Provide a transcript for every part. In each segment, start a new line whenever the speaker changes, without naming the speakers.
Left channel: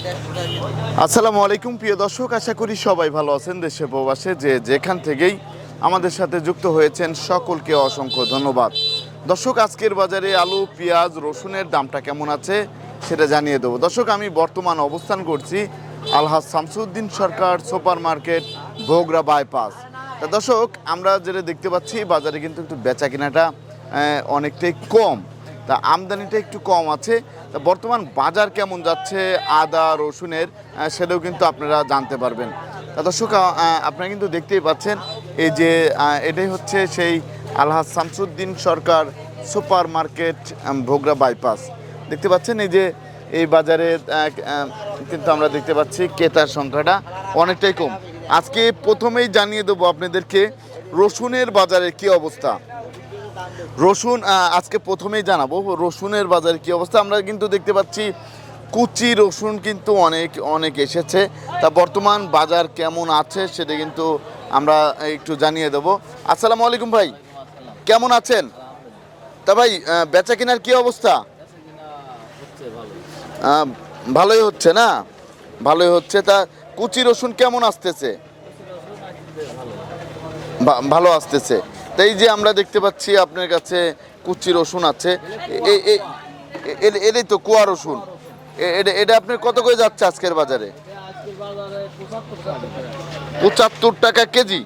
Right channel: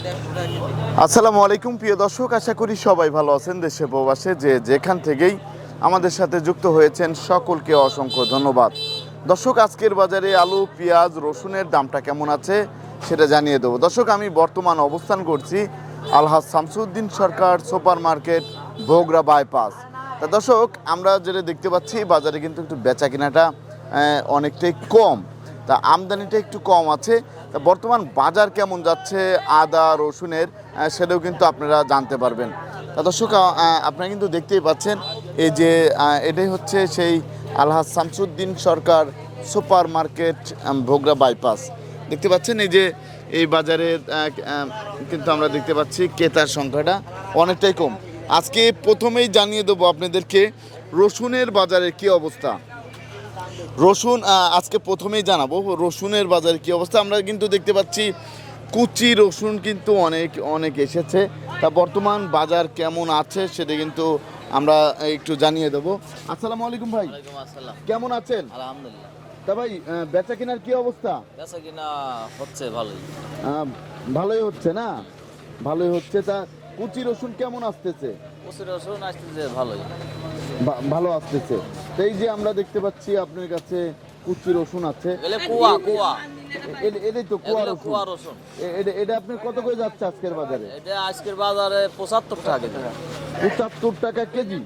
আসসালামু আলাইকুম, প্রিয় দর্শক, আশা করি সবাই ভালো আছেন দেশে প্রবাসে, যে যেখান থেকেই আমাদের সাথে যুক্ত হয়েছেন সকলকে অসংখ্য ধন্যবাদ। দর্শক, আজকের বাজারে আলু, পেঁয়াজ, রসুনের দামটা কেমন আছে সেটা জানিয়ে দেবো। দর্শক, আমি বর্তমান অবস্থান করছি Alhaj Shamsuddin Sarkar super market Bhogra bypass. তা দর্শক, আমরা যেটা দেখতে পাচ্ছি, বাজারে কিন্তু একটু বেচা কেনাটা অনেকটাই কম। তা আমদানিটা একটু কম আছে। বর্তমান বাজার কেমন যাচ্ছে? আদা, রসুনের সেটাও কিন্তু আপনারা জানতে পারবেন। দর্শক আপনারা কিন্তু দেখতেই পাচ্ছেন, এই যে এটাই হচ্ছে সেই Alhaj Shamsuddin Sarkar super market Bhogra bypass. দেখতে পাচ্ছেন এই যে, এই বাজারে কিন্তু আমরা দেখতে পাচ্ছি ক্রেতার সংখ্যাটা অনেকটাই কম। আজকে প্রথমেই জানিয়ে দেবো আপনাদেরকে, রসুনের বাজারের কি অবস্থা। রসুন আজকে প্রথমেই জানাব রসুনের বাজারে কি অবস্থা। আমরা কিন্তু দেখতে পাচ্ছি কুচি রসুন কিন্তু অনেক অনেক এসেছে। তা বর্তমান বাজার কেমন আছে সেটা কিন্তু আমরা একটু জানিয়ে দেবো। আসসালামু আলাইকুম ভাই। কেমন আছেন? তা ভাই বেচা কেনার কি অবস্থা?
হচ্ছে ভালোই।
ভালোই হচ্ছে না? ভালোই হচ্ছে। তা কুচি রসুন কেমন আসতেছে? ভালো আসতেছে। তাই যে আমরা দেখতে পাচ্ছি আপনার কাছে কুচি রসুন আছে। এটাই তো কুয়া রসুন। এটা আপনার কত করে যাচ্ছে আজকের বাজারে?
আজকের বাজারে পঁচাত্তর টাকা
পঁচাত্তর টাকা কেজি।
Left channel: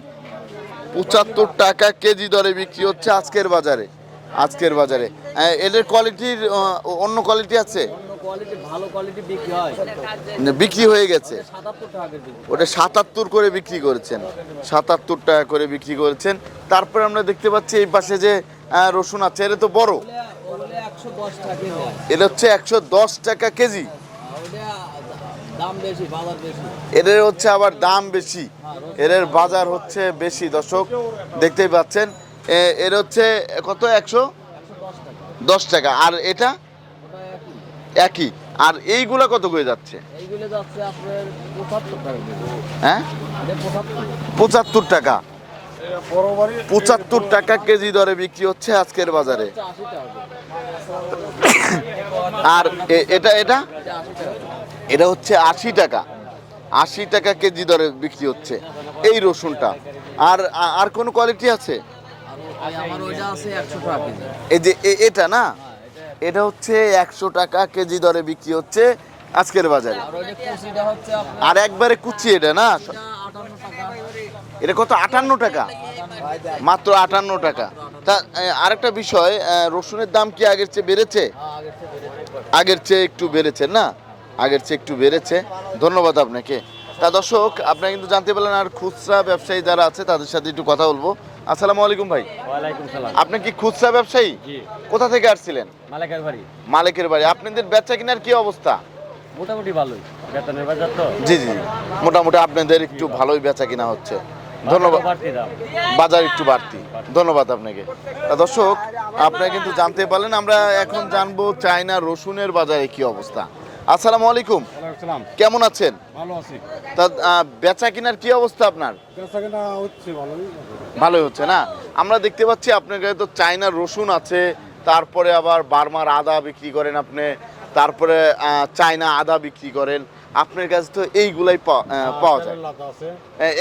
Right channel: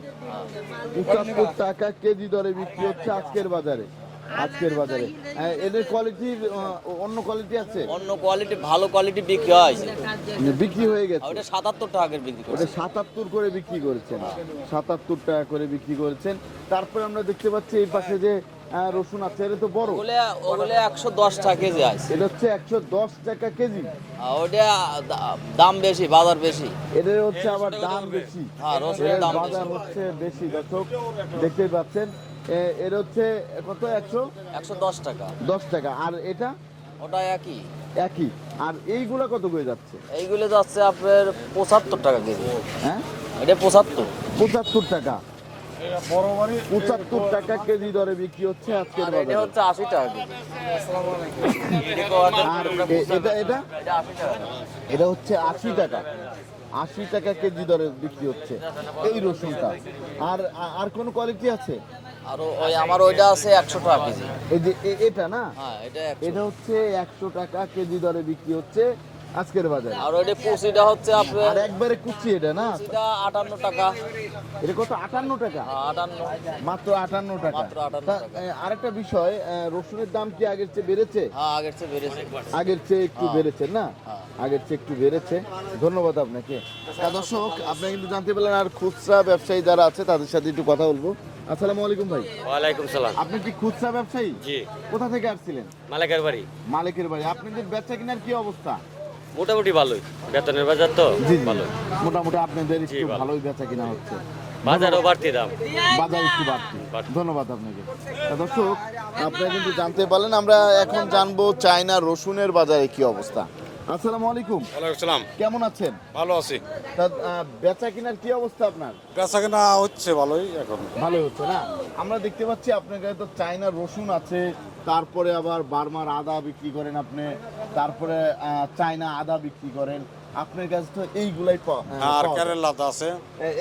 পঁচাত্তর টাকা কেজি দরে বিক্রি হচ্ছে আজকের বাজারে। আজকের বাজারে। এদের কোয়ালিটির অন্য কোয়ালিটি আছে?
অন্য কোয়ালিটি ভালো কোয়ালিটি বিক্রি হয়।
বিক্রি হয়ে গেছে।
সাতাত্তর টাকার বিক্রি
ওটা সাতাত্তর করে বিক্রি করেছেন। সাতাত্তর টাকা করে বিক্রি করেছেন। তারপরে আমরা দেখতে পাচ্ছি এই পাশে যে রসুন আছে এটা তো বড়।
একশো দশ টাকা কেজি আছে।
এটা হচ্ছে একশো দশ টাকা কেজি।
ওটা দাম বেশি বাজার বেশি।
এদের হচ্ছে আবার দাম বেশি।
হ্যাঁ,
এদের বাজার হচ্ছে বেশি। দর্শক দেখতেই পাচ্ছেন এর হচ্ছে কত? একশো?
একশো দশ টাকা।
দশ টাকা। আর এটা?
ওটা একই।
একই। আর এইগুলা কত করে যাচ্ছে?
এইগুলো যাচ্ছে আপনার পঁচাত্তর টাকা কেজি।
হ্যাঁ?
এটা পঁচাত্তর।
পঁচাত্তর টাকা। পঁচাত্তর টাকা কেজি দরে বিক্রি হচ্ছে আজকের বাজারে।
আশি টাকা কেজি।
আর এটা এটা?
এটা
হচ্ছে আশি টাকা। আশি টাকা কেজি দরে বিক্রি হচ্ছে। এই রসুনটা। আর আর কোন কোয়ালিটি আছে?
আর ওই আমার ওইটা আছে একশো টাকা কেজি।
এই যে এটা না?
হ্যাঁ এটা
হচ্ছে একশো টাকা কেজি দরে বিক্রি হচ্ছে আজকের বাজারে।
আর কুচিটা হচ্ছে
আর একবারে কুচি এটা না?
আটান্ন টাকা।
এটা কত? আটান্ন টাকা? মাত্র আটান্ন টাকা। তা আরেকটা বিষয় রসুনের দাম কি আগের চেয়ে বেড়েছে?
হ্যাঁ, আগের চেয়ে বেড়েছে।
আগের চেয়ে একটু বেড়েছে না? আগের চেয়ে একটু বেড়েছে। ধন্যবাদ আপনাকে। তা দর্শক আপনি কিন্তু জানতে পারলেন আর খুচরা ব্যবসায়ী যারা আছে তাদের সাথে একটু কথা বলব। আসসালামু আলাইকুম ভাই।
ওয়ালাইকুম সালাম।
আপনি কি খুচরা ব্যবসায়ী?
জি।
কোথা থেকে আসছিলেন?
মালিকের বাড়ি।
মালিকের বাড়ি। আপনাদের বেচা কিনার কি অবস্থা?
মোটামুটি ভালোই। বেতনের বাজার তো
জি জি। মোটামুটি আপনাদের একটু ভালোই বেচা কিনা হচ্ছে। ধন্যবাদ। বাজার একটু বাড়তি। ধন্যবাদ আপনাকে। দর্শক আপনারা কিন্তু জানতে পারলেন আমরা এখন জানব চায়না রসুনের বাজারে কি অবস্থা। আসসালামু আলাইকুম।
সালাম।
কেমন আছেন?
ভালো আছি।
তা বেচা কিনার কি অবস্থা আপনার?
বেচা কেনা হচ্ছে ভালোই এখন।
ভালোই হচ্ছে না? আমরা দেখতে পাচ্ছি আপনার কাছে তো চায়নার রসুন আছে তারপরে আবার বার্মার আদা বিক্রি করেন আপনি তারপরে চায়না আদা বিক্রি করেন। আপনার কাছে তো এইগুলাই পাওয়া যায়।
আছে।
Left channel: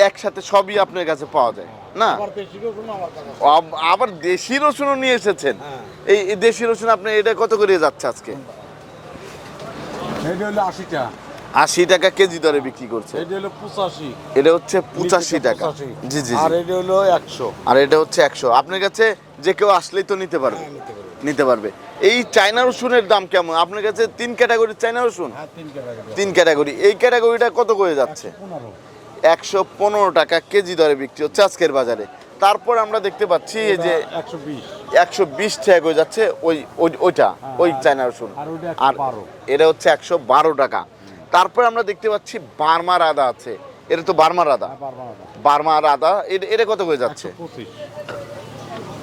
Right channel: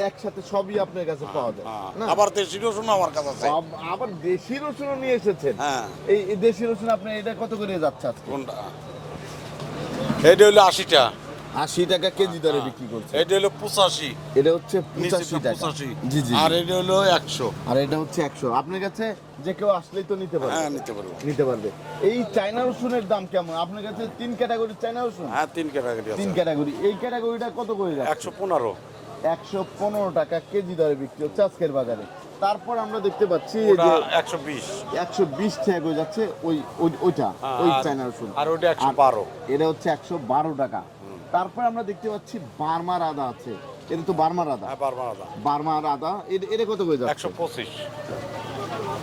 একসাথে সবই আপনার কাছে পাওয়া যায়। না?
আবার দেশি রসুন আমার কাছে
আবার দেশি রসুনও নিয়ে এসেছেন?
হ্যাঁ।
এই দেশি রসুন আপনি এটা কত করে যাচ্ছে আজকে?
এটা হলো আশিটা।
আশি টাকা কেজি দরে বিক্রি করছে।
এটা হলো পঁচাশি।
এটা হচ্ছে পঁচাশি টাকা। জি জি
আর এটা হলো একশো।
আর এটা হচ্ছে একশো। আপনার কাছে যে কেউ আসলেই তো নিতে পারবে।
হ্যাঁ নিতে পারবে।
নিতে পারবে। এই চায়না রসুনের দাম কেমন? আপনার কাছে তিন ক্যাটাগরির চায়না রসুন?
হ্যাঁ তিন ক্যাটাগরি
তিন ক্যাটাগরি। এই ক্যাটাগরিটা কত করে যাচ্ছে?
একশো পনেরো।
একশো পনেরো টাকা কেজি দরে বিক্রি হচ্ছে আজকের বাজারে। তারপর আমরা দেখতে পাচ্ছি এই যে
একশো বিশ।
একশো বিশ টাকা করে যাচ্ছে ওই ওই- ওইটা ওই
আর-
চায়না রসুন।
আর ওইটা 112
এটা হচ্ছে একশো বারো টাকা। তারপর আমরা দেখতে পাচ্ছি বার্মার আদা আছে। এটা তো বার্মার আদা
হ্যাঁ
বার্মার আদা এটা কত করে যাচ্ছে?
একশো পঁচিশ।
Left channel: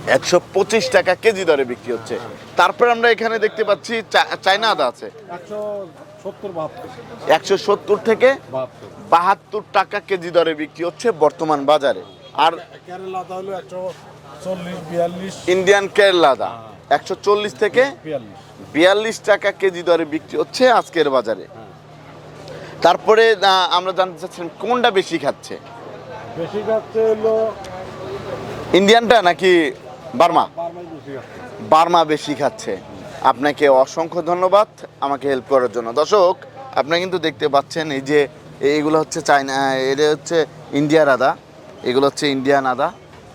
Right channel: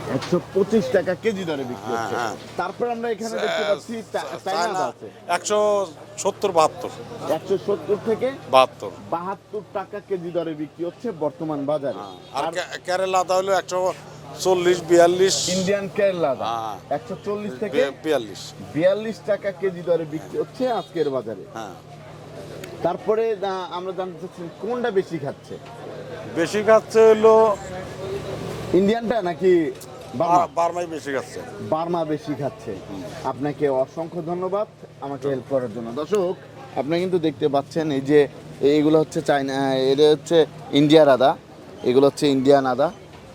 একশো পঁচিশ টাকা কেজি দরে বিক্রি হচ্ছে।
হ্যাঁ,
তারপর আমরা এখানে দেখতে পাচ্ছি চা- চায়না আদা আছে।
একশো সত্তর বাহাত্তর।
একশো সত্তর থেকে
বাহাত্তর।
বাহাত্তর টাকা কেজি দরে বিক্রি হচ্ছে বর্তমান বাজারে।
আর
আর
কে- হলো একশো চল্লিশ বিয়াল্লিশ।
ইন্ডিয়ান কেরলা আদা।
হ্যাঁ।
একশো চল্লিশ থেকে
বিয়াল্লিশ।
বিয়াল্লিশ টাকা কেজি দরে বিক্রি হচ্ছে আজকের বাজারে।
হ্যাঁ।
তারপরে আমরা জানতে চাচ্ছিলাম কোনটা বেশি খাচ্ছে?
বেশি খাচ্ছে হলো
ইন্ডিয়ানটা নাকি বার্মা?
বার্মাই বেশি খাচ্ছে।
বার্মা বেশি খাচ্ছে। আপনাকে অসংখ্য ধন্যবাদ আমাকে হেল্প করার জন্য। দর্শক আপনারা কিন্তু দেখতে পাচ্ছেন এই যে এইগুলো হচ্ছে চাইনা এটা হচ্ছে ইন্ডিয়ার আদা। এগুলো হচ্ছে ইন্ডিয়ান আদা।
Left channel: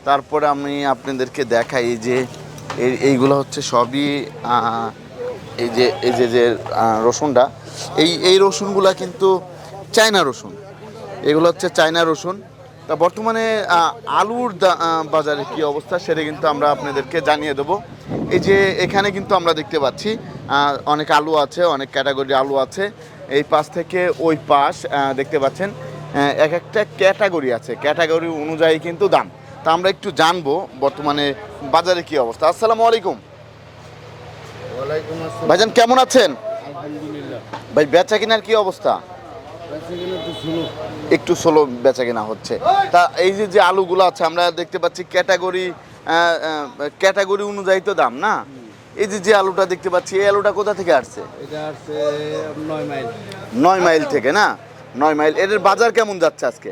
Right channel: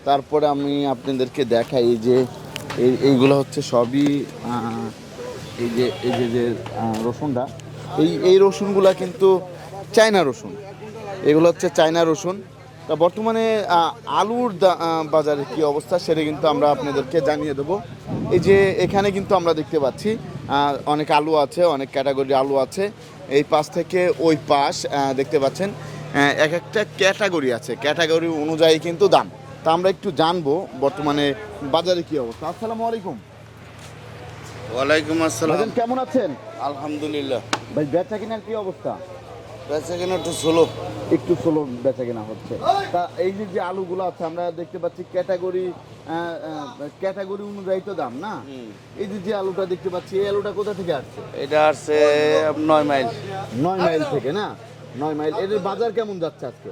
তারপরে আমি আপনাদেরকে দেখাই যে, এই- এইগুলো হচ্ছে সবই এই যে এই যে যে রসুনটা। এই এই রসুনগুলো কিন্তু চায়না রসুন। এগুলো হচ্ছে চায়না রসুন। তা বর্তমানে আলুর বাজারে কি অবস্থা সেটা কিন্তু আমরা আপনাদেরকে জানিয়ে দেবো। এই যে, এখানে কিন্তু আমরা দেখতে পাচ্ছি অনেক আলু আছে, অনেক ক্যাটাগরি আলু আছে। এই পাশ থেকে ওই পাশ দেখতে পাচ্ছেন। এক একটা ক্যাটাগরি আছে। ক্যাটাগরি অনুযায়ী কিন্তু দাম। তা আমরা একটু জানব বর্তমানে বাজারে কি অবস্থা। আসসালামু আলাইকুম।
ওয়ালাইকুম আসসালাম।
ভাইজান কেমন আছেন?
আলহামদুলিল্লাহ।
ভাই বেচা কেনার কি অবস্থা?
বেচা কেনা তো ষোলো
একটু স্লো বেচা কেনা হচ্ছে। তা এই যে যে আলুগুলো আছে আমরা দেখতে পাচ্ছি ক্যাটাগরি ক্যাটাগরি অনুযায়ী তো দাম না? এই যে যে আলুটা দেখতে পাচ্ছি এই আলুটা কোথা থেকে আসছে?
এটা আসছে নয় মাইল।
নয় মাইল থেকে না? নয় মাইল। এদের বাজার কেমন যাচ্ছে আজকে?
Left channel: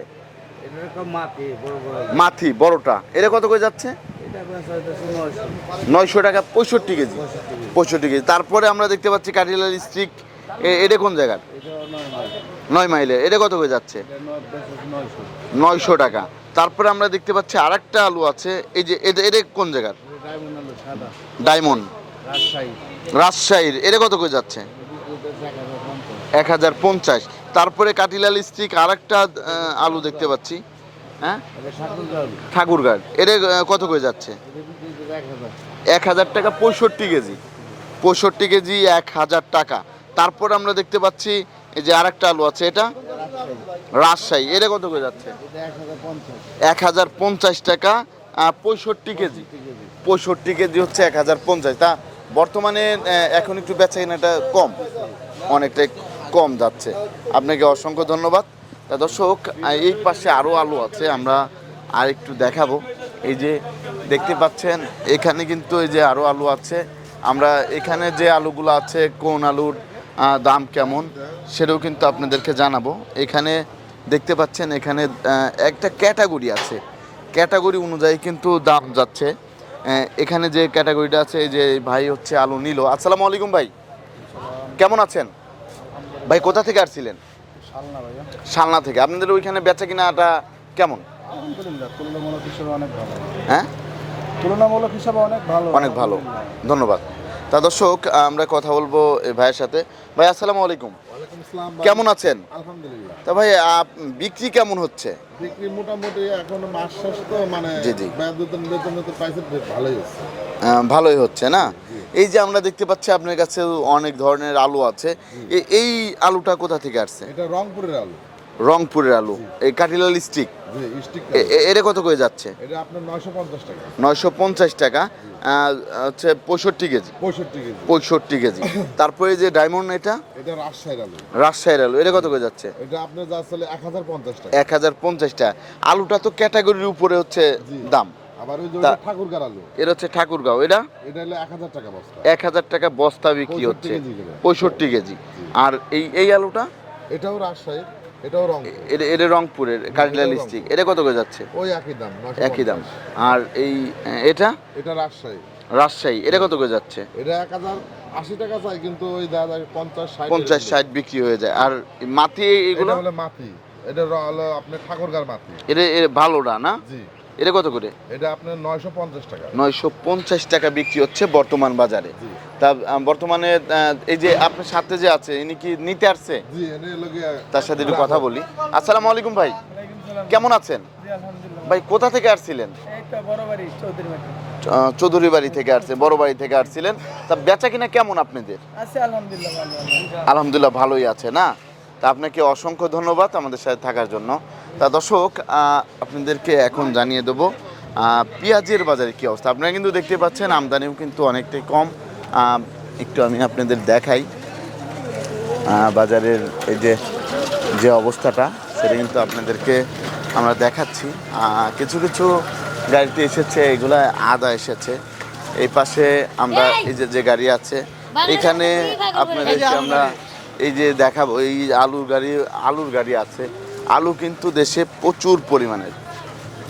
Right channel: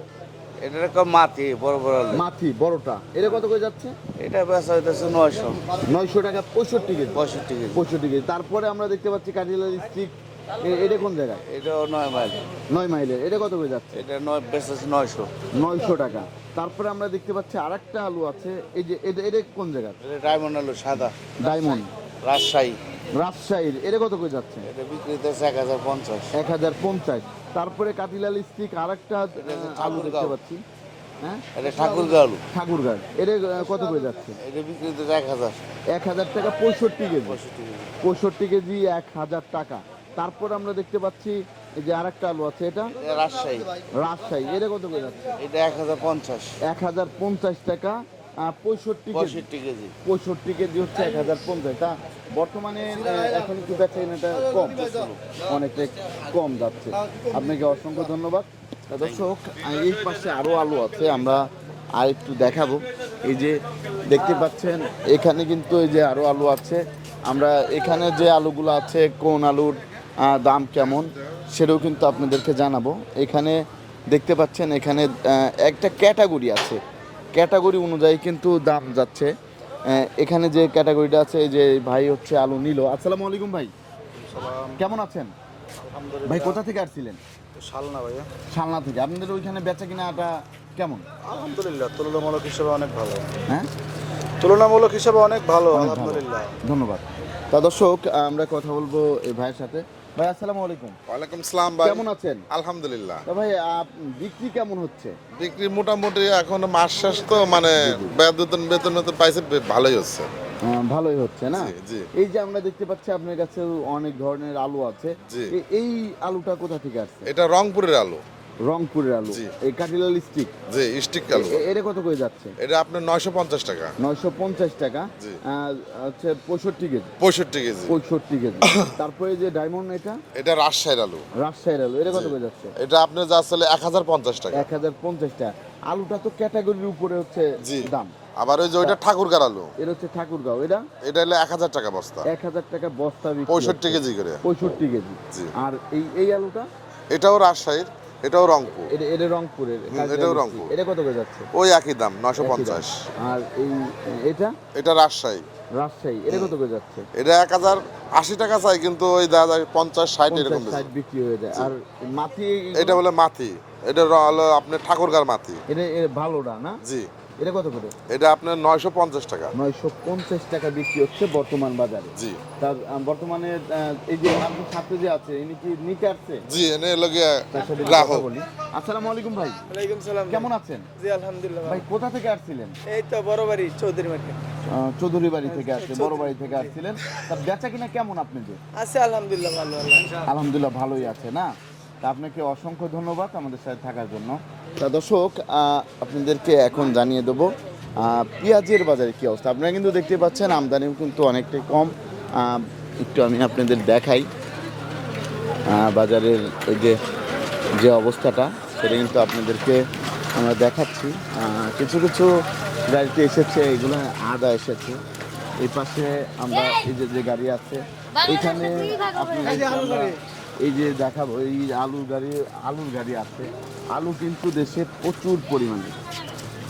এটা মাটি বড় বড়।
মাথি বড়টা। এটা কত করে যাচ্ছে?
এটা বেচা হইতেছে নয়শো।
নয়শো টাকা পঁয়ষট্টি কেজি।
পঁয়ষট্টি কেজি।
পঁয়ষট্টি কেজি। তারপরে আমরা দেখতে পাচ্ছি কাঠিলাল স্ট্রিক এটা কোন জায়গার?
এটাও নয় মাইল।
নয় মাইলের এটা কত করে যাচ্ছে?
এটা নয় বেচেছে নয়শো।
নয়শো টাকা। তারপরে আমরা দেখতে পাচ্ছি আরেকটা আলু আছে। এই যে এটা এটা কোন জায়গার?
ডায়মন্ড আলু সাদা।
ডায়মন্ড।
রাজশাহী।
রাজশাহীর। এটা কত করে যাচ্ছে?
এটা এক হাজার পঞ্চাশ।
এক হাজার পঞ্চাশ। তারপরে কাটিলাল স্টিক আর একটা আলু দেখতে পাচ্ছি। হ্যাঁ?
এটা ঠাকুরগা আলু।
এটা কত করে যাচ্ছে?
এক হাজার।
টাকা পঁয়ষট্টি কেজি। পঁয়ষট্টি কেজি এক হাজার টাকা। তারপর আমরা দেখতে পাচ্ছি এই যে আরেকটা আলু আছে এটা?
রাজশাহী।
রাজশাহী। এটা কত করে যাচ্ছে?
এটা এক হাজার পঞ্চাশ।
এক হাজার পঞ্চাশ টাকা পঁয়ষট্টি কেজি।
পঁয়ষট্টি কেজি।
পঁয়ষট্টি কেজি হচ্ছে এক হাজার পঞ্চাশ। তা বর্তমানে এখন একটু বেচা কেনাটা কম। অনেকটাই কম যাচ্ছে। আপনাকে অসংখ্য ধন্যবাদ। তা দর্শক এই পাশে আরও আলু আছে, আমরা আর একটু দেখাবো। এই যে দেখতে পাচ্ছেন, এখানে কিন্তু এই যে আরও আলু আছে। আমরা এখানে যে আলুগুলো আছে, কোন আলুর দাম কেমন, সেটাও কিন্তু আপনাদেরকে জানাব। এখানে দেখতে পাচ্ছেন, এখানে একটা ক্যাটাগরি আছে। ক্যাটাগরি অনুযায়ী কিন্তু দাম যাচ্ছে। এখানে যে ক্যাটাগরিটা আছে, এই যে ভাই হচ্ছে আলু নিল। আসসালামু আলাইকুম ভাই। কেমন আছেন? ভাই কোথা থেকে আসছিলেন?
শালনা ভাইয়া।
শালনা থেকে। আপনাদের ওইখানে বেচা কিনাটা কেমন?
আলহামদুলিল্লাহ তুলনামূলক হিসাবে অনেক ভালো।
হ্যাঁ?
তুলনামূলক হিসাবে অনেক ভালো
অনেক ভালো। ধন্যবাদ। তা দর্শক আমরা কথা বলব এই ভাইয়ের সাথে। ভাই আসসালামু আলাইকুম।
ওয়ালাইকুম সালাম
কেমন আছেন?
আলহামদুলিল্লাহ।
তা ভাই আপ- বিক্রি কেমন হচ্ছে?
বিক্রি মোটামুটি এখন মাস শেষ তো মানে। বেতন বেতন পাইছে ভালোই হচ্ছে।
ভালোই হচ্ছে না? এই যে আমরা দেখতে পাচ্ছি আপনার কাছে অনেক ধরনের আলু আছে। এই আলুটা কোথা থেকে আসছে?
এটা রংপুরের আলু।
রংপুরের আলু। এই কাটিলাল স্টিক?
যে স্টিক
এটা কত করে যাচ্ছে?
এটা আপনার নয়শো পঞ্চাশ টাকা।
নয়শো পঞ্চাশ টাকা। হচ্ছে পঁয়ষট্টি কেজি।
পঁয়ষট্টি কেজি।
পঁয়ষট্টি কেজি। তারপরে যে ডায়মন্ড এটা?
এটা রাজশাহীর আলু।
রাজশাহীর আলু। এটা কত করে যাচ্ছে?
এটা আপনার যা আসলে এক হাজার পঞ্চাশ টাকা।
এক হাজার পঞ্চাশ টাকা। আলুটা তো ক্যাটাগরির উপরে হচ্ছে
জি।
দাম।
আবার ওই যে ওইটা ঠাকুরগার আলু
এটা হচ্ছে ঠাকুরগাঁও এটা?
এটা হলো এক হাজার টাকা বস্তা।
এক হাজার টাকা বস্তা বিক্রি
পঁয়ষট্টি
হচ্ছে।
কেজি করে।
পঁয়ষট্টি কেজি। আর এই এই আলুটা?
এটাও রাজশাহীর এটাও রংপুর।
এটা এটা রংপুরের এটা কত করে যাচ্ছে?
ওই একই দাম নয়শো
একই দাম।
পঞ্চাশ।
আর এই এটা?
এটা রাজশাহী।
রাজশাহী এটা কত করে যাচ্ছে?
এটা এক হাজার আশি টাকা চাই কিন্তু ওই দাদা পঞ্চাশ ষাট
পঞ্চাশ ষাট বিক্রি হয়ে যায়। আর মাটি
এটা হলো মাথি এটা হলো আপনার ঠাকুরগার মাথি
এটা এটা ভালোটা না?
জি।
এটা কত করে?
এটা আপনার নয়শো পঞ্চাশ টাকা।
নয়শো পঞ্চাশ টাকা বিক্রি হচ্ছে বর্তমান বাজারে।
জি।
তা বর্তমানে এই যে আপনার সাথে যে আছে ইনি কি নিতে আসছে?
জি এনে এলো গিয়ে
তার সাথে কথা বলি। আসসালামু আলাইকুম ভাই।
ওয়ালাইকুম সালাম।
কেমন আছেন?
জি আলহামদুলিল্লাহ।
ভাই কোথা থেকে আসছিলেন?
এই তো বড় বাড়ি চৌধুরী
আহ, চৌধুরী বাড়ি থেকে আসছে বড় বাড়ি থেকে আসছিলেন। তা বেচা কিনা কেমন আপনাদের?
আছে আলহামদুলিল্লাহ ভালো।
আলহামদুলিল্লাহ ভালোই আছে না? তা আপনাকে অসংখ্য ধন্যবাদ আমাদের সাথে থাকার জন্য। তা দর্শক আপনাদেরকে এখন জানিয়ে দেবো পেঁয়াজের বাজারে কী অবস্থা। আপনারা কিন্তু দেখতে পাচ্ছেন আমদানিও কিন্তু অনেকটাই কম। একটু আমি আপনাদের দেখাই বাজারের এই যে যে অবস্থাটা সেটা কিন্তু আপনাদেরকে আমরা দেখাচ্ছি। কিছু কিছু গাড়িতে এসেছে এগুলা আদা এসেছে। এই পাশে আমরা এই যে যে গাড়ি আছে এখানে আপনাদেরকে আমরা এই যে দেখাবো এই আলুর গাড়ি আলুর গাড়ি আছে। আলু কিন্তু দেশে প্রচুর পরিমাণের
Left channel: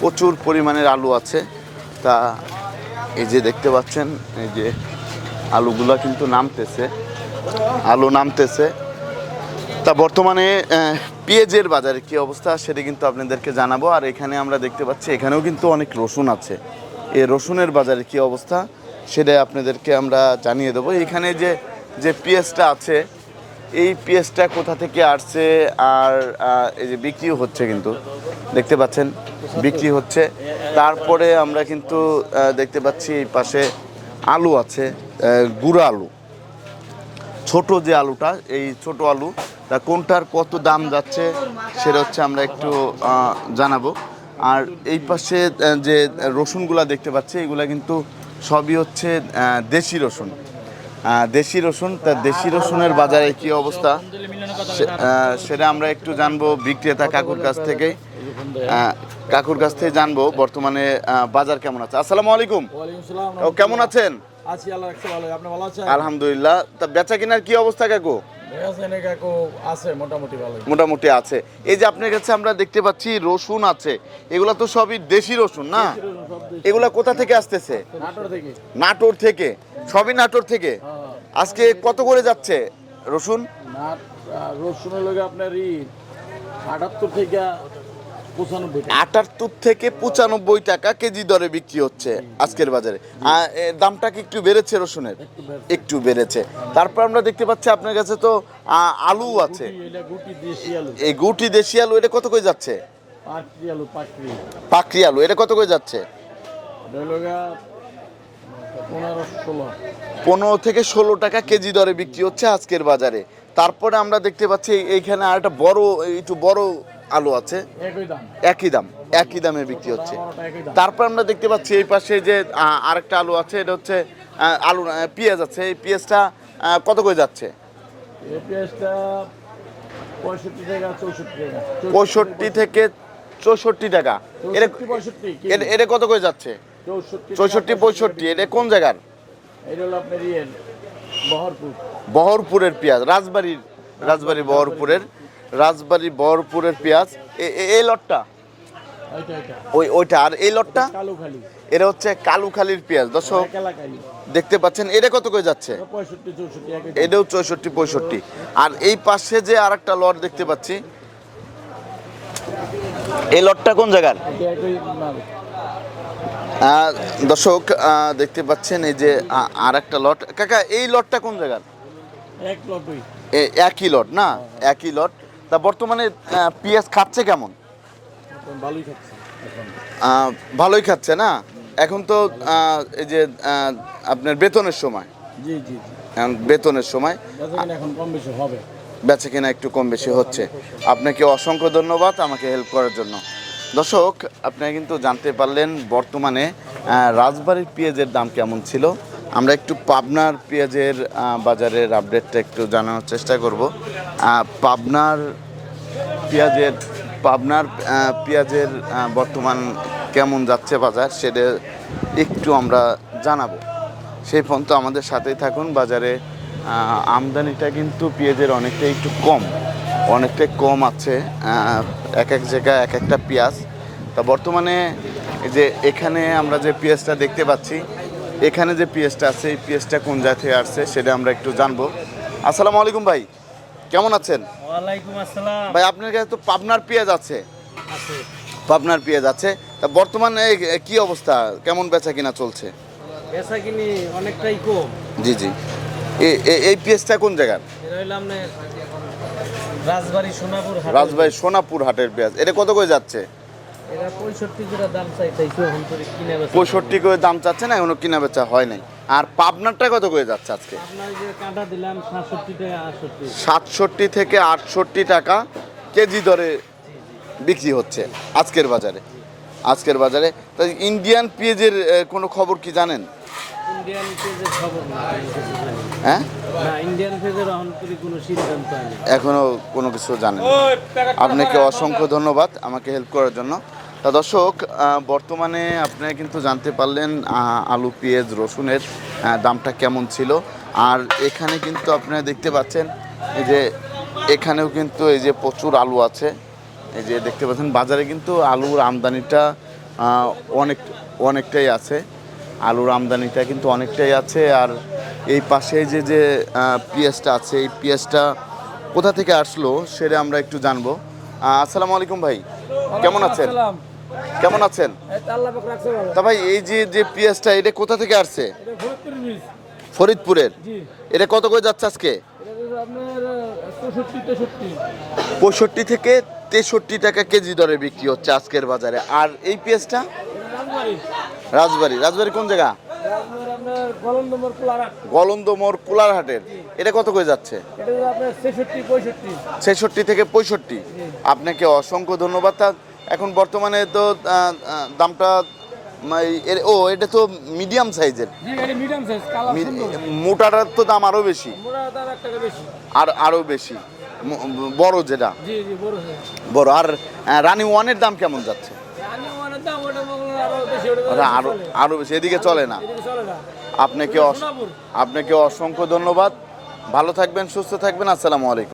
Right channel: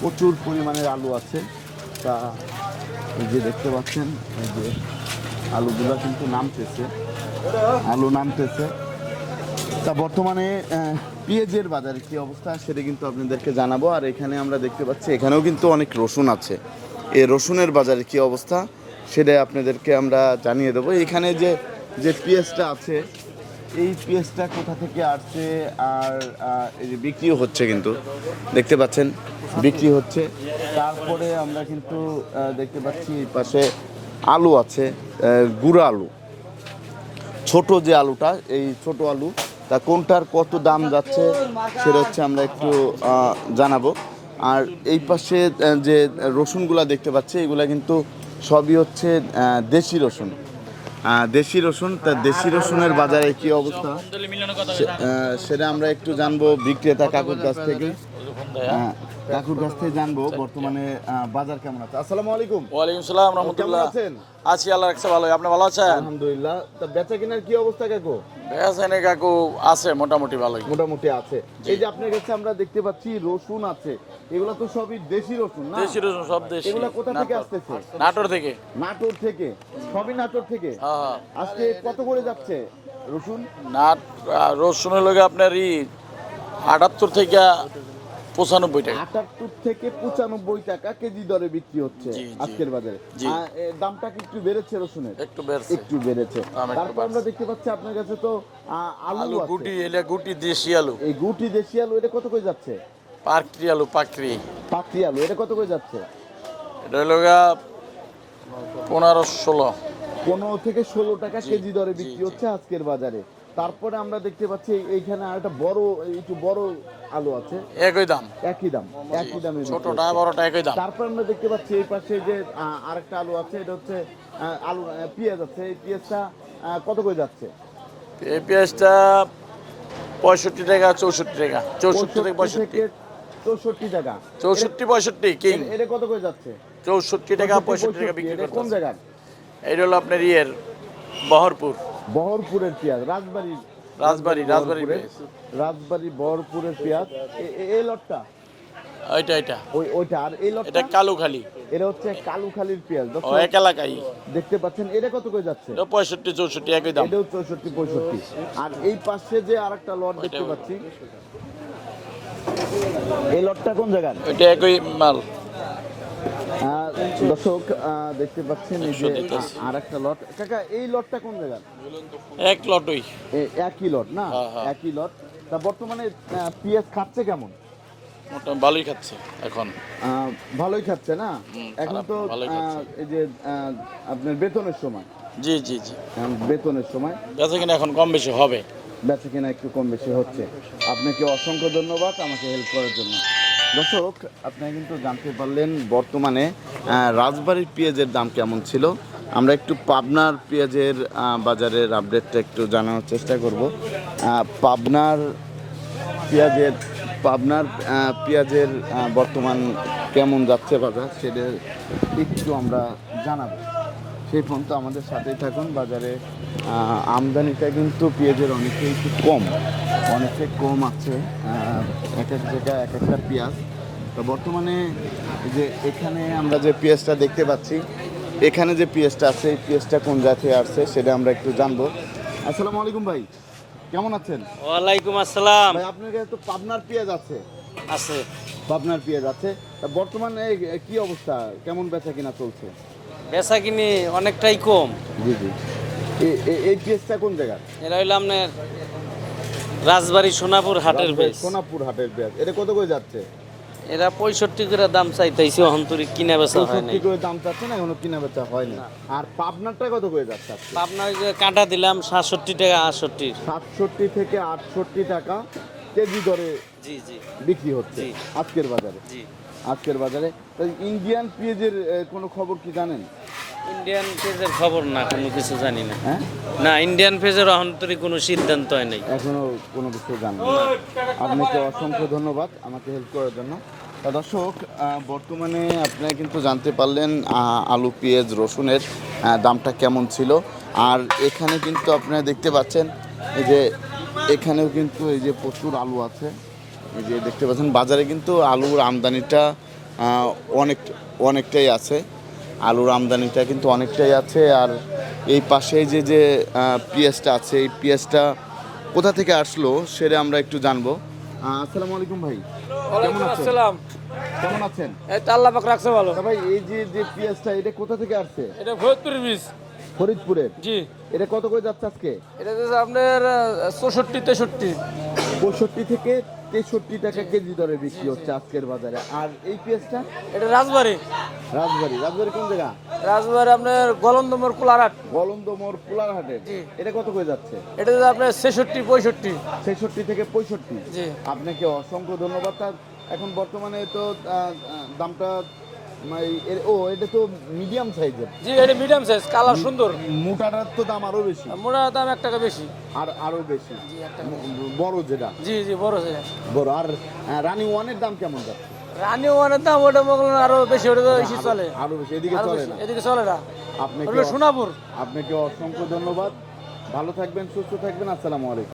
প্রচুর পরিমাণের আলু আছে। তা এই যে দেখতে পাচ্ছেন, এই যে আলুগুলো কিন্তু নামতেছে, আলু নামতেছে। তা বর্তমানে পেঁয়াজের বাজারে কি অবস্থা সেটা কিন্তু আপনাদেরকে জানাব। আর এখানে আমরা দেখতে পাচ্ছি, এখানেও কিন্তু অনেক রসুন আছে। এই রসুনের বাজারে কি অবস্থা সেটা আপনাদেরকে আমরা জানিয়ে দেবো। এখানে যে যে পেঁয়াজটা আছে এই পেঁয়াজটা কোথা থেকে আসছে আর এই যে বিক্রিও হচ্ছে কিন্তু। দেখতে পাচ্ছেন, বিক্রি হচ্ছে। তারপরে আমরা কিন্তু দেখতে পাচ্ছি এই পাশে আলু আছে গুঁড়া আলু। ছোট যে আলুটা, এই ছোট আলু, তা কোনটার কত দাম যাচ্ছে সেটা হচ্ছে আমরা একটু জানাব। আর এই পাশে যে রসুনগুলা দেখতে পাচ্ছি, এগুলা কিন্তু সবই হচ্ছে দেশি রসুন। দেশি রসুন তা দেশি রসুনের বাজারে কি অবস্থা? সেটা আমরা একটু জানব বিক্রেতা কাকুর কাছ থেকে। আহ, কাকুর কাছ থেকে জানব বর্তমানে বাজার কেমন আছে। আসসালামু আলাইকুম।
ওয়ালাইকুম সালাম
কেমন আছেন?
আছি আল্লাহ রাখছে ভালো। আপনি ভালো আছেন?
আলহামদুলিল্লাহ। তা বেচা কেনার কি অবস্থা কাকু?
কাকু আছে মোটামুটি ভালোই।
মোটামুটি আছে। এই যে আপনার কাছে আমরা দেখতে পাচ্ছি রসুন আছে। এগুলা তো সবই দেশি রসুন না?
দেশি রসুন সব দেশি।
এগুলা কোথা থেকে আসতেছে?
নাটোর থেকে।
নাটোর থেকে। সবই নাটোর থেকে?
হ্যাঁ হ্যাঁ।
আজকে কত করে যাচ্ছে রসুন?
নাট আহ, রসুনের লগে আপনার ই আটাত্তর থেকে পঁচানব্বই টাকা।
আটাত্তর থেকে পঁচানব্বই টাকা কেজি দরে বিক্রি হচ্ছে আজকের বাজারে। দামটা কি একটু বেড়েছে রসুনের?
একটু
একটু বেড়েছে। তারপর আমরা দেখতে পাচ্ছি আপনার কাছে তো আলু আছে।
গুটি দেশি আলু।
এই গুটি দেশি আলু এটা কত করে যাচ্ছে?
পাকড়ি আলু পাকড়ি
পাকড়ি আলু এটা কত করে যাচ্ছে?
এটা হলো পনেরো ষোলো।
পনেরো থেকে ষোলো টাকা কেজি দরে বিক্রি হচ্ছে আজকের বাজারে। তারপরে আমরা দেখতে পাচ্ছি এইখানে আর একটা বড় একটু বড় আলু আছে।
একই দাম।
একই দাম একই দামে বিক্রি হচ্ছে। তারপর আমরা দেখতে পাচ্ছি এই পাশে যে আরেকটা আলু আছে এটা হচ্ছে আলু পেঁয়াজ আছে। এই পেঁয়াজটা কত করে যাচ্ছে?
এই পেঁয়াজটা পঁয়ষট্টি টাকা চৌষট্টি টাকা।
পঁয়ষট্টি থেকে চৌষট্টি টাকা।
চৌষট্টি পঁয়ষট্টি
এটা- কত করে যাচ্ছে?
চৌষট্টি
চৌষট্টি পঁয়ষট্টি এটা কোন জায়গার?
এটা হলো আপনার ইয়ের বহরপুর।
বহরপুরের পেঁয়াজ রাজবাড়ির রাজবাড়ি
রাজবাড়ি,
বহরপুরের। রাজবাড়ি বরপুরের পেঁয়াজ এই লটটা?
ওইটা এটা
ওই ওইটা আর এই লটটা?
কালু খালি
এটা হচ্ছে কালুখালির পেঁয়াজ দর্শক।
এক এলাকায়
দেখতে পাচ্ছেন এটা কত করে যাচ্ছে?
পঁয়ষট্টি চৌষট্টি একই
এটাও চৌষট্টি পঁয়ষট্টি। আর এই পাশে যে আরেকটা লট দেখতে পাচ্ছি এই লটটা কোন জায়গার?
এটা একই মাল।
দর্শক আহ, দেখতে পাচ্ছেন এই যে আর একটা লট। কাকা এই লটটা কোন জায়গার?
এক লটই।
একই লট না? একই লট। তা বর্তমানে পেঁয়াজ খাচ্ছে কেমন?
ভালোই খাচ্ছে এখন।
ভালোই খাচ্ছে না? এখন তো এই যে আপনার বেতনের সময়।
জি জি জি।
এখন বেতনের সময়।
বেচা কিনা এখন কম বেশি হবে।
বেচা কেনা একটু কম বেশি হচ্ছে। আপনাকে অসংখ্য ধন্যবাদ আমাকে হেল্প করার জন্য। দর্শক আপনারা কিন্তু জানতে পারলেন বর্তমানে রাজবাড়ির পেঁয়াজের দাম কেমন ছিল। আমরা একটু পাবনার পেঁয়াজের বাজারের আপডেটটা একটু জানানোর চেষ্টা করব। পাবনার পেঁয়াজের পাবনার পেঁয়াজের বর্তমান কেমন যাচ্ছে বাজার সেটা একটু আমরা জানাব। সেই পর্যন্ত আমাদের সাথেই থাকুন। বাজারে আমদানিটা কিন্তু পেঁয়াজের অনেকটা একটু কম, অনেকটাই কম আছে। এক এক জায়গায় এক একটা পেঁয়াজ। তা বর্তমানে যে এখানে আমরা যে পেঁয়াজটা দেখতে পাচ্ছি এখানে যে পেঁয়াজটা আছে এই পেঁয়াজটা কোন জাতীয় আসছে সেটা আমরা একটু জানব। আসসালামু আলাইকুম ভাই কেমন আছেন?
ওয়ালাইকুম আসসালাম।
ভাই আপনার কাছে তো পাবনার পেঁয়াজ আছে।
আছে।
পাবনার পেঁয়াজ আছে। তা বর্তমানে কি অবস্থা? কেমন বেচা কিনা চলছে?
বেচা কিনি অনেকটাই কম।
জি জি। এই পেঁয়াজটা কোন জায়গার?
এরা হইল আপনার রাজবাড়ি সোনাপুর হাটের
রাজবাড়ি সোনাপুর হাটের পেঁয়াজ। এটা কত করে যাচ্ছে?
এরা পঁয়ষট্টি করে দাম চাইতেছে অন্তরিক কিনে বেচা
পঁয়ষট্টি করে দাম চাচ্ছে না এখনও কিনা বেচা হয় নাই। আর পাবনারটা কত করে যাচ্ছে আজকে?
আপনার যে কাঁটা দিলাম সাতষট্টি টাকা আটষট্টি।
সাতষট্টি থেকে আটষট্টি টাকা কেজি দরে বিক্রি হচ্ছে আজকের বাজারে। আজকের বাজারে। তো ইন্ডিয়ান পেঁয়াজের কোনো খবর কি জানেন?
ইন্ডিয়ান পেজের খবর না কোনো কিছু জানি না।
হ্যাঁ?
না ইন্ডিয়ান পেজের অন্তরিক কোনো সিদ্ধান্ত হয় নাই।
এখনও কোনো কিছু জানেন আপনাকে অসংখ্য ধন্যবাদ আমাকে হেল্প করার জন্য। তা দর্শক বর্তমানে আপনি কিন্তু জানতে পারলেন আলু পেঁয়াজ রসুনের দামটা কেমন ছিল। আর এখানে কিন্তু আপনারা দেখতে পাচ্ছেন এই যে এখানেও কিন্তু এই যে প্রচুর আলু আছে। এই যে দেখতে পাচ্ছেন বাজারে কিন্তু আলুর আমদানিটা অনেক অনেকটাই আছে। আলুর আমদানিটা কিন্তু অনেকটাই আছে। আর এই পাশে যে যে পেঁয়াজটা আছে এই পেঁয়াজটা কোথা থেকে আসলো সেটা আমরা একটু জানব। আসসালামু আলাইকুম ভাই কেমন আছেন? কেমন আছেন?
আল্লাহ পাক রাখছে ভালো।
তা ভাই এই যে যে পেঁয়াজটা এটা কোথা থেকে আসছে?
এটা বীজ।
ফরিদপুরের?
জি।
এটা কত করে যাচ্ছে আজকে?
এটা আপনার চৌষট্টি তেষট্টি।
পঁয়ষট্টি থেকে তেষট্টি টাকা কেজি দরে বিক্রি হচ্ছে আজকের বাজারে। আর এই পেঁয়াজটা?
এটা রাজবাড়ি।
রাজবাড়ি। রাজবাড়ি কোন জায়গা?
রাজবাড়ি আপনার গলন্দমর কুলারহাট
কুলারহাটের এটা কত করে যাচ্ছে?
এটা আপনার ছেষট্টি পঁয়ষট্টি।
ছেষট্টি থেকে পঁয়ষট্টি। আপনাকে অসংখ্য ধন্যবাদ। এখন বর্তমানে তো দামটা ও এটা তো মিডিয়াম সাইজের
জি এটা মিডিয়াম সাইজ কালার সুন্দর।
মোটাটার তো দাম আরও বেশি।
মোটা দাম এক টাকা বেশি।
আর আরও বেশি। বড় যেটা।
জি জি বড় সাইজ
বড়। আর রানি ওয়ানের দাম কেমন যাচ্ছে?
রানি ওয়ানের দাম ওটা করেন আরও বেশি ওটা আরও
আরও বেশি এদিকে চলে না।
এদিকে চলে না।
আপনাকে। আপনাকে অসংখ্য ধন্যবাদ। ভালো থাকবেন সুস্থ থাকবেন। আসসালামু আলাইকুম।